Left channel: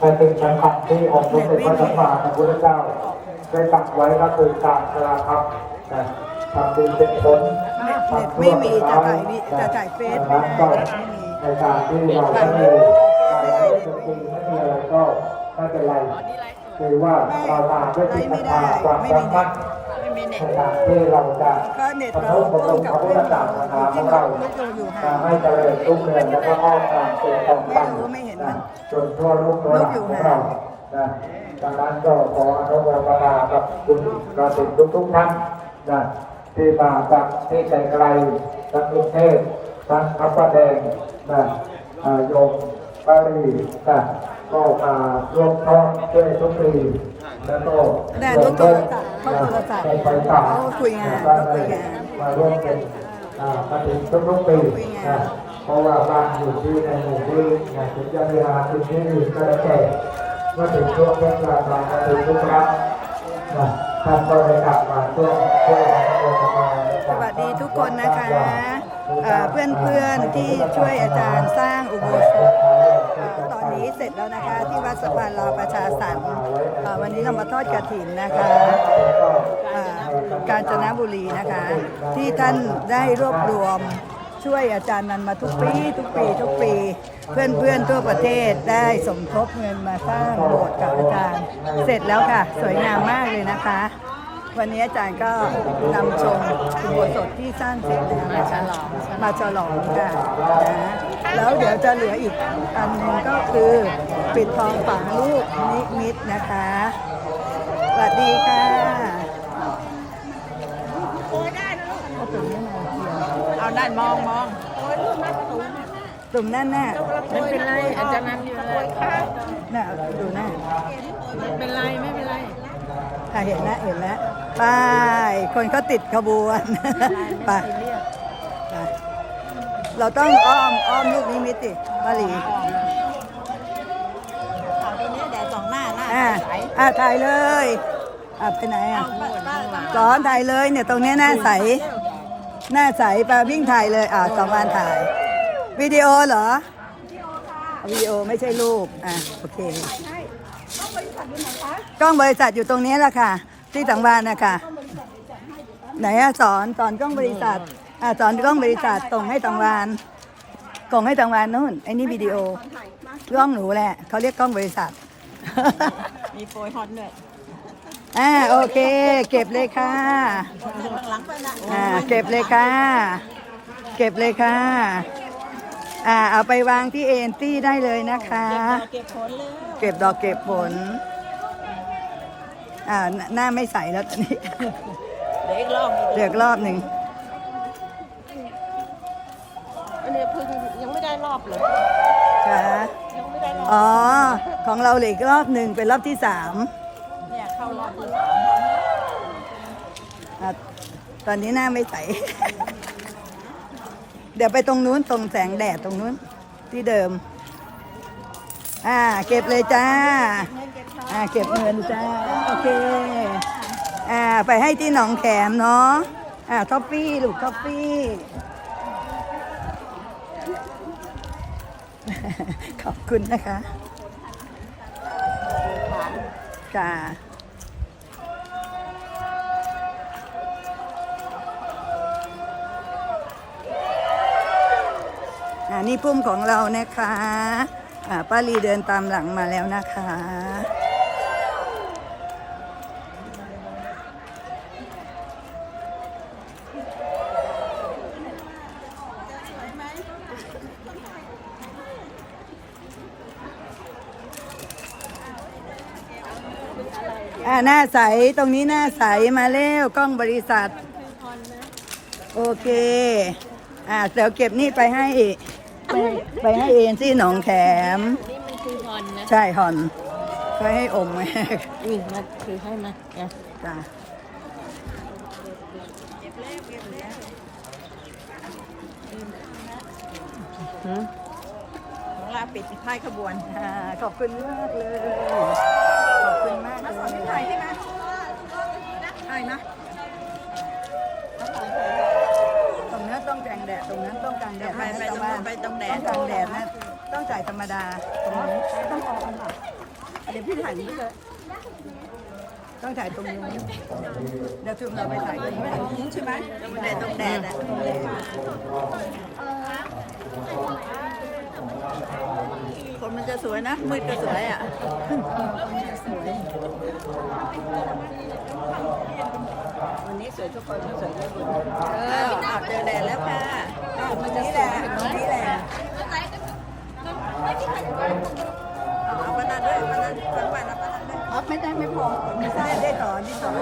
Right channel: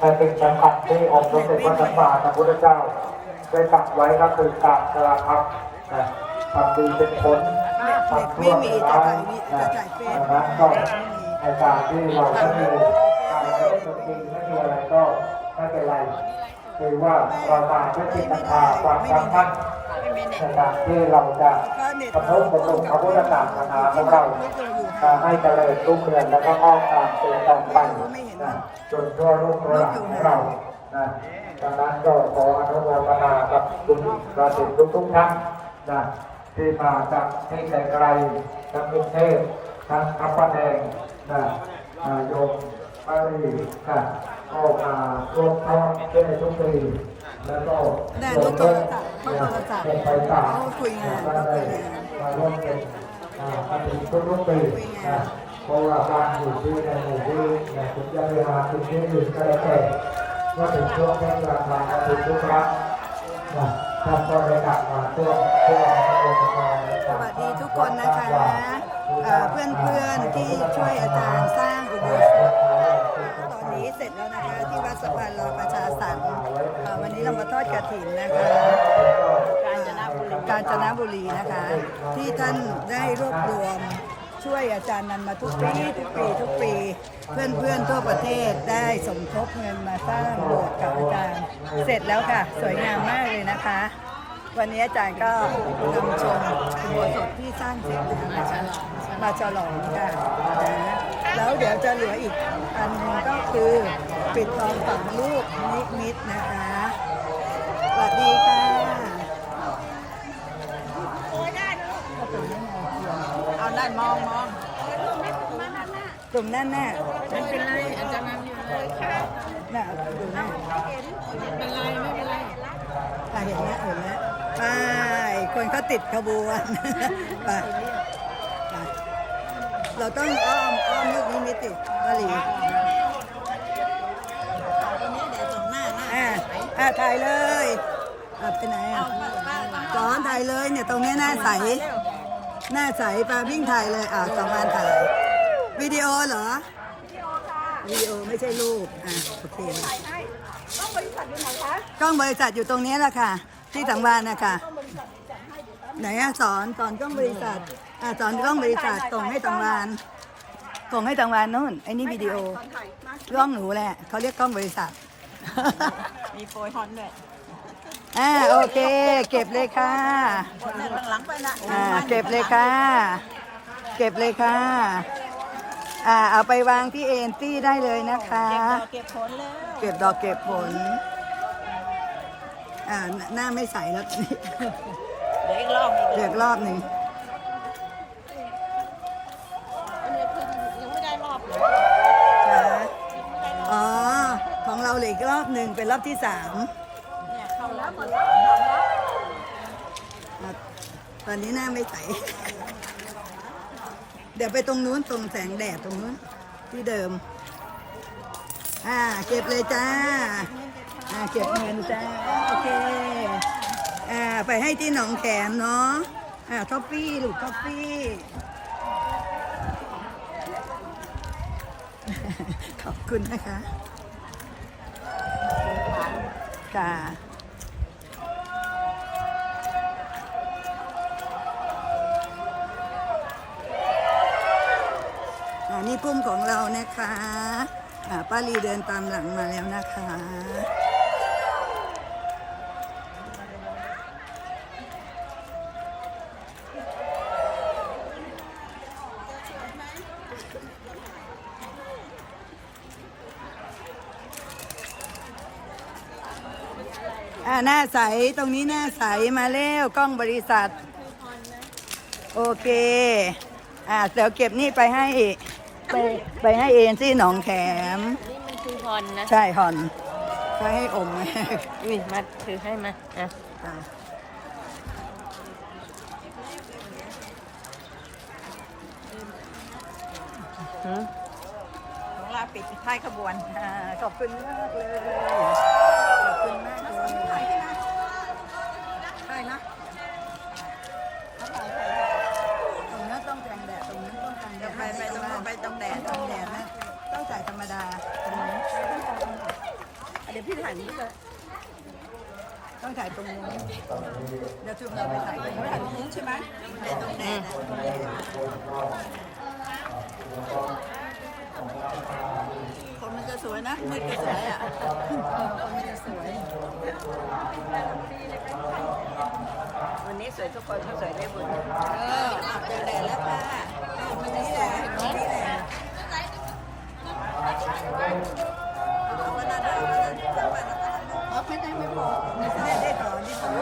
แต่เป็นการตัดที่องค์สมเป็นพระสัมมาสัมพุทธเจ้าได้ตัดไว้ก็คือการกระครับทำดีเป็นผลไม่มีจะถ่ายวิจะถ่ายเฟซไม่นั้นได้ก็ในการที่เราไม่มีการเล่นดนตรีไม่มีอะไรก็ไม่เป็นไรคือว่าเรามาด้วยจิตศรัทธาความรัก มีเน็ตในการที่เราจะถ้าเน็ตบรรเราลุบรรลุพระพุทธศาสนาของเราไม่เคยอยู่ทำให้เจริญรุ่งเรืองและก็งอกงามเป็นตรงกันนะจนทั่วโลกทั่วหลังของเรานะดังนั้นก็ขออนุโมทนากับคุณกระสินทุกทุกๆท่านนะที่มาจากที่ไกลๆทั้งกรุงเทพทั้งพระประแดงนะโยม บาลีนะก็มาร่วมท้องเพื่อทุกปีแล้วก็แน่รู้โทรศัพท์เขาโทรศัพท์เขาคุยงานเขาคุยงานมาร่วมเป็นอ่ากระถิ่นทุกๆปีนะเพราะว่าบ้านอยู่ที่ในหมู่ที่นะถึงจะเวลาถึงที่อื่นก็ได้วแต่เมื่อถึงช่วงเทศกาลเราถึงทุกครั้งนะท่านก็ได้กลับมาช่วงช่วงโอกาสสวัสดีทุกคนนะคะเพื่อนเพื่อนๆที่ช่วยอาจารย์สร้างอุโบสถ ตอนนี้เสร็จแล้วนะคะที่วัดสวรรค์รอประชาสรรค์เอ่อวันนี้เรามาทอดกระถิ่นนะคะกาญจนบุรีนะคะ ที่ท่านได้รวบรวมช่วยอาจารย์นันมาทุกปีทุกปีทุกปี เพื่อนเพื่อนทั่วประเทศได้สมทบเงินมาสร้างโบสถ์กับอาจารย์เสร็จแล้วค่ะ สวยงามมากเลยนะคะ วันนี้อาจารย์ก็นำชมอุโบสถที่สร้างเสร็จมาฉลองมาฉลองกันนะแล้วเดี๋ยวจะเหลืออีกอันหนึงก็คือปิดทองฝังลูกนิมิตนะคะสวัสดีค่ะเอาด้านมองมองกลุ่มนั่นน่ะไม่เป็นไรอาจารย์นั่งอยู่เลยน่ะดูน่ะไม่เป็นไรไม่เป็นไร ค่ะเห็นแล้วเห็นแล้วไปคนเขาติดขบวนไปไปเราต้องอ้อมอ้อมลูกนิมิตติมาหลีเอาตัวนี้เดี๋ยวสองหน้าหน้าอ่าใสอ่าถ่ายเลยอ่าไปไหนเอาอะป้าป้าป้าสอนถ่ายเลยเนี่ยตรงเนี้ยหน้าใส หน้าใสปาวิ่งถ่ายเลยอ่าสองวันถ่ายวิดีโอเหรอวิดีโอไม่ใช่รูปอ่าโอเค กล้องบริษัทอยู่ตรงนี้แหละค่ะ ที่สังวานนะคะไหนอะสอนสอนกล้องบริษัทอ่าสอนกล้องบริษัทส่งให้สังวานส่งให้สังวานนู่นไอ้นี่วิดีโอกล้องหนูแหละเขาเรียกกล้องบริษัท มีโปรยฮอนด้วยอ่าโอเค เก็บเลยค่ะข้างหลังไปนะอ่าเก็บเลยค่ะ เก็บเลยค่ะอ่าเอาไปวางที่เอ็นตี้ได้เลยนะคะ เก็บผลเลยเก็บดอกเก็บผล อ่าหน้าหน้าไม่ใสแล้วตอนนี้เดี๋ยวอีกรอบอีกเลือกรอบหนึ่งอันนี้คือยังไม่ได้รอบเลยค่ะอ๋อ ของเราเหลืออีกรอบหนึ่งเป็นรอบที่สามเนี่ยเข้ารอบที่สามอะตอนนี้หน้าไม่ใส เดี๋ยวไปตรงนู้นตรงแสงแดดตรงนู้นที่เดิม อ่า เก็บเลยจ้าอ่า เก็บเงินจ้าโอเคอ่าไปให้ที่หนองแขมเนาะอ่าท็อฟฟี่ลูกท็อฟฟี่ขอบคุณนะคะโปรยผ่านค่ะอ่านี่พุ่มของเรานะคะอ่าป้าลีเดินตามหลังมาแล้วนะคะ อ่าหน้าใสตรงนี้หน้าใสมาเร็วกล้องบริษัท โอเค อ่าเดี๋ยวเก็บนี่ไปให้ไปไปให้เอ็นที่หนองแขม นี่มันคือฮอนนะใช่หอนก็ให้อมไว้อุ้ยมาถือให้มาอะจ้ะของเราปิดท้ายขบวนอ่าขอบคุณมากเลยขอบคุณมากเลยถ่ายใช่ไหมถ่ายนะตรงนั้นต้องแกงแดด ตรงนั้นต้องกลางแดดไปไปตรงนู้นไปตรงแดด ต้องกลางแดดนะต้องจ่ายธรรมดาตรงนี้เดี๋ยวพี่ถ่ายนี้เลยต้องถ่ายตรงนู้นเดี๋ยวคือเราไปถ่ายตรงนู้นถ่ายตรงนู้นใช่ไหมตรงแดดตรงแดดอะคนมันจะสวยนะมืดก็สวยอะคนมันจะสวย วันนี้สวยทุกคนก็สวยได้บุญเอออาบเจอแดดแล้วค่ะ มันนี่แหละนี่แหละเอาเอาปนด้วยปนาจังหวัดเอาปนาด้วยอัพไม่ได้ไม่พอไม่ใช่ได้ต่อที่สอง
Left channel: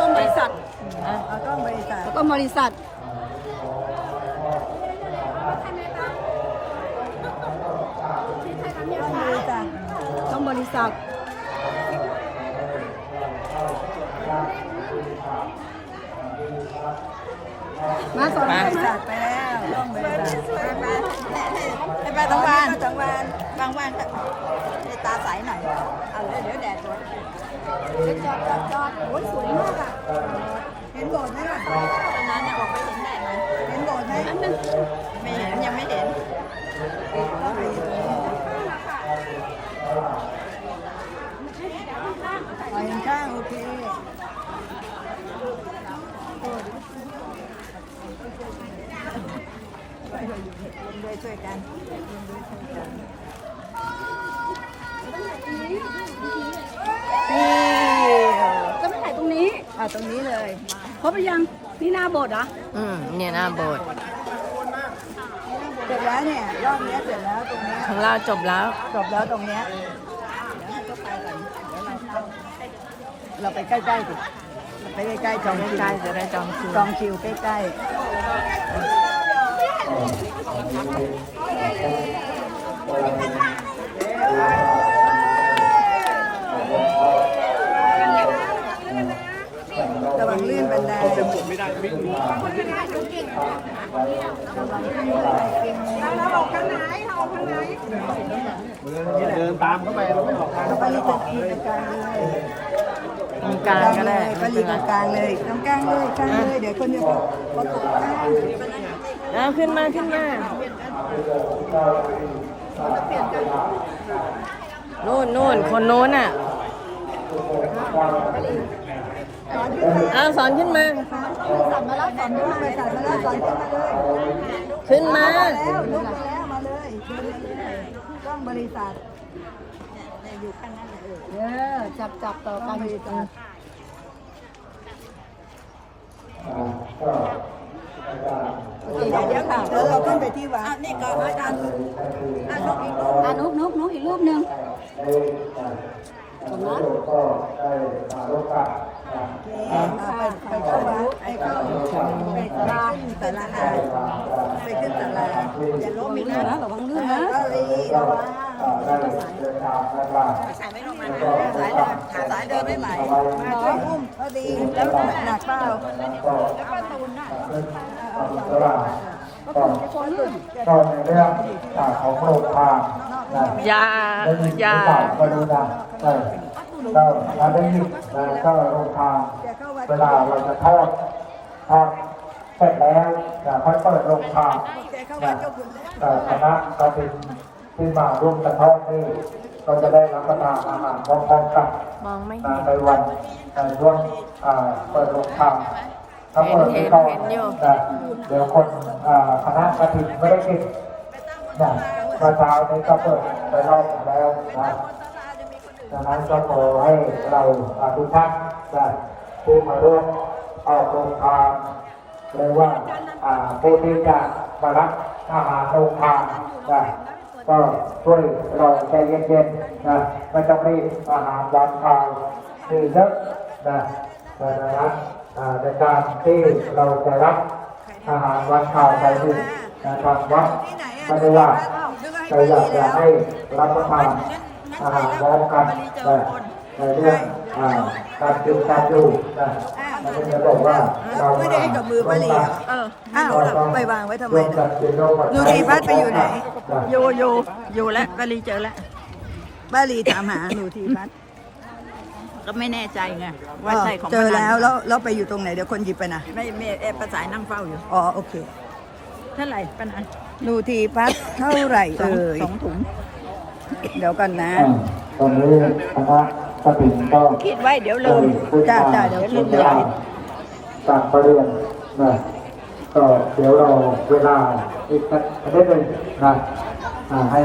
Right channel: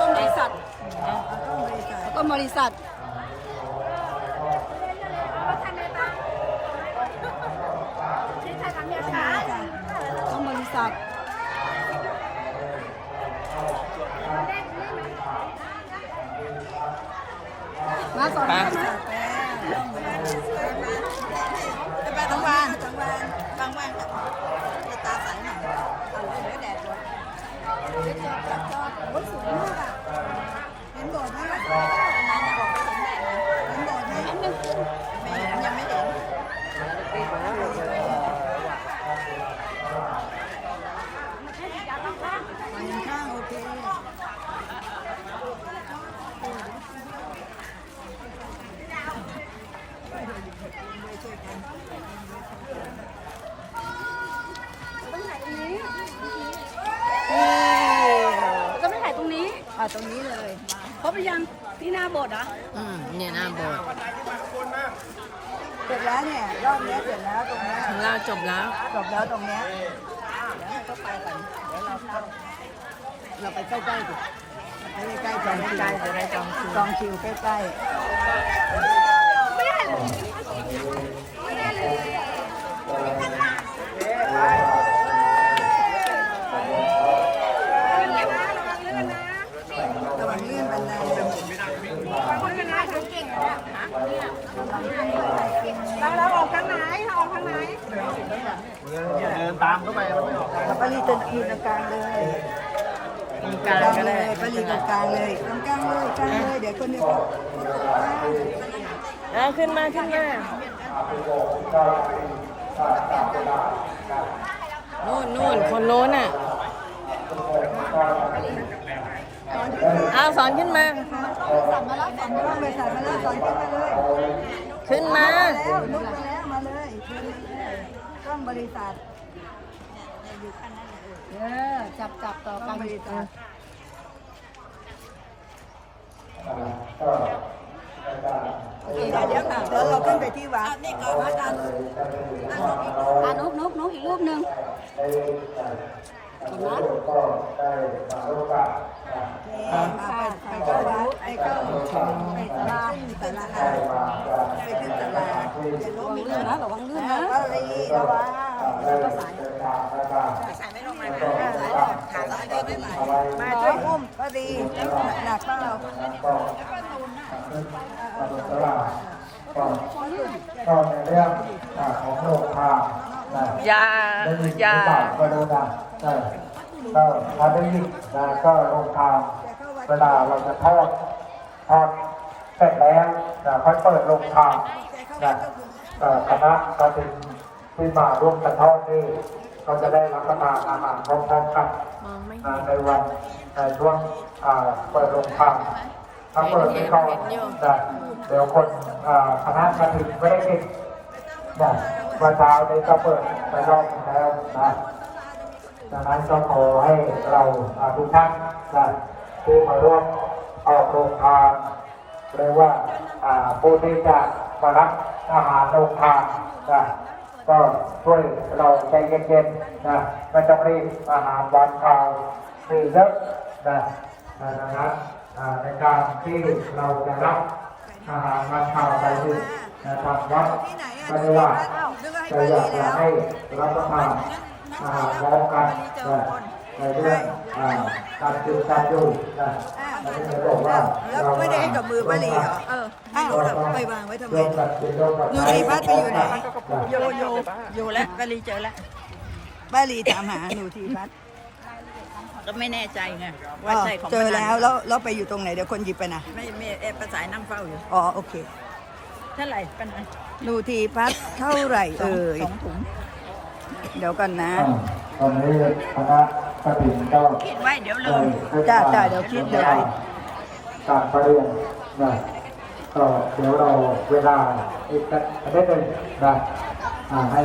ต้องบริษัทเอาต้องบริษัทต้องบริษัทต้องบริษัท มาสอนได้ไหมไอ้ปลาตังวานตังวานตังวานไอ้ตาใสหน่อยเอาเลยเดี๋ยวแดดร้อนโอ้ยสวยมากอะเห็นโบสถ์ไหมอะตอนนั้นออกไปเห็นแดดไหมเห็นโบสถ์ไหมนั่นนึงไม่เห็นยังไม่เห็นไปข้างโอเค ด้วยช่วยกันนี่ก็ไม่ถ่ายตรงนี้อะตรงนี้เลยเพราะไปยังที่หน้าโบสถ์เหรอะอืมเนี่ยหน้าโบสถ์เสร็จแล้วเนี่ยรอบเนี้ยเสร็จแล้วตรงเนี้ยข้างล่าจบแล้ว จบแล้วตรงเนี้ยเดี๋ยวให้เขาไปก่อนเดี๋ยวเราเข้าเราไปใกล้ๆดิเรา ไปใกล้ๆจองคิวจองคิวใกล้ๆ ลื่นบันไดเอาเต็มหมดไม่ได้ไม่คุ้มคนที่ได้คนก่งเขนี่ยล้ทางไหนเอาทางไหนเดินตามเข้าไปเราไม่หลอกไปลีตะกีกลางเลยกลางเลยปลีกลางเลยตรงกลางเลยกลางเลยเดี๋ยวคนจะตกน้ำขึ้นมาขึ้นมาโน่นโน่นคนโน้นอะ อ้าวสอนขึ้นมา สั่งมาแล้วสั่งมาแล้วสั่งมาแล้วสั่งขึ้นมาเลยขึ้นมา แล้วลุกมาแล้วมาเลยขึ้นมาเลยต้องบริษัทเนี่ยอยู่ข้างนั้นเลยเออจับจับต่อกันบริษัทโอเคเดี๋ยวค่ะแล้วเราขึ้นไปที่วัดนี่ก็อาจารย์อ่านนกอีกอะนกนกนกอีกรูปหนึ่ง อ่าไปไปเข้าวัดไปเข้าไปศาลาศาลาไปขึ้นศาลาอย่าล้มอีกนะระวังลื่นนะก็เลยระวังแล้วก็สายสายไม่ลงมาสายเดินขาสายเดินไม่ไหวมาช่วยอุ้มก็ดีแล้วหนักเปล่า ก็ในเรื่องของโลกทางนะยาได้ยินหรือเปล่าก็ดูนะใช่ก็ถ้าได้ยินนะก็โรงทานเวลาเราจะทอดทอดเสร็จแล้วนะค่อยเปิดโรงทานนะคณะกระถิ่นที่มาร่วมกันทอดนี่ก็จะได้รับประทานอาหารพร้อมๆกันในวันในช่วงเอ่อเปิดโรงทาน ถ้าเปิดไม่ก่อนนะเดี๋ยวคนคณะกระถิ่นไม่ได้กินนะมื่อเช้านี้ก็เปิดไปรอบแล้วนะดังนั้นก็ขอให้เราทุกท่านนะที่มาร่วมออกโรงทานหรือว่าผู้ที่จะมารับอาหารโรงทานนะก็ช่วยเราใจเย็นๆนะไม่ต้องรีอาหารร้านข้าวมีเยอะนะนั้นอ่า ในการที่เราจะรับอาหารร้านข้าวไปที่นะครับวัดที่ไหนอะไม่ได้ว่านึกว่าให้แต่ไปอยากดีจะแล้วให้รับประทานอาหารพร้อมกันนะในเรื่องอ่าการกินการอยู่นะอ้าวไม่ได้บอกว่าแล้วไม่ได้ให้กับมือป้าหลีเหรอเอออ้าวไปวางไว้ทำไมนะดูทีพัดไปอยู่ไหนอยู่อยู่อยู่แล้วป้าหลีเจอแล้วป้าหลีถามหาหนูทีพัด ก็ไม่แน่ใจไงว่าใช่เจอแล้ว แล้วแล้วไปอยู่ตรงไหนเดี๋ยวคนหยิบไปนะไม่ไม่เอ่ประสานนั่งเฝ้าอยู่อ๋อโอเคเท่าไหร่ปัญหาดูทีพัดเท่าไหร่เอ่ยเดี๋ยวกันนะ ตอนนี้คณะกฐินก็คิดไว้เดี๋ยวลืมจ้าจ้าเดี๋ยวคิดเดียวจากประเด็นนะก็เดี๋ยวเราเวลาอีกสัเดีดหนึงนะให้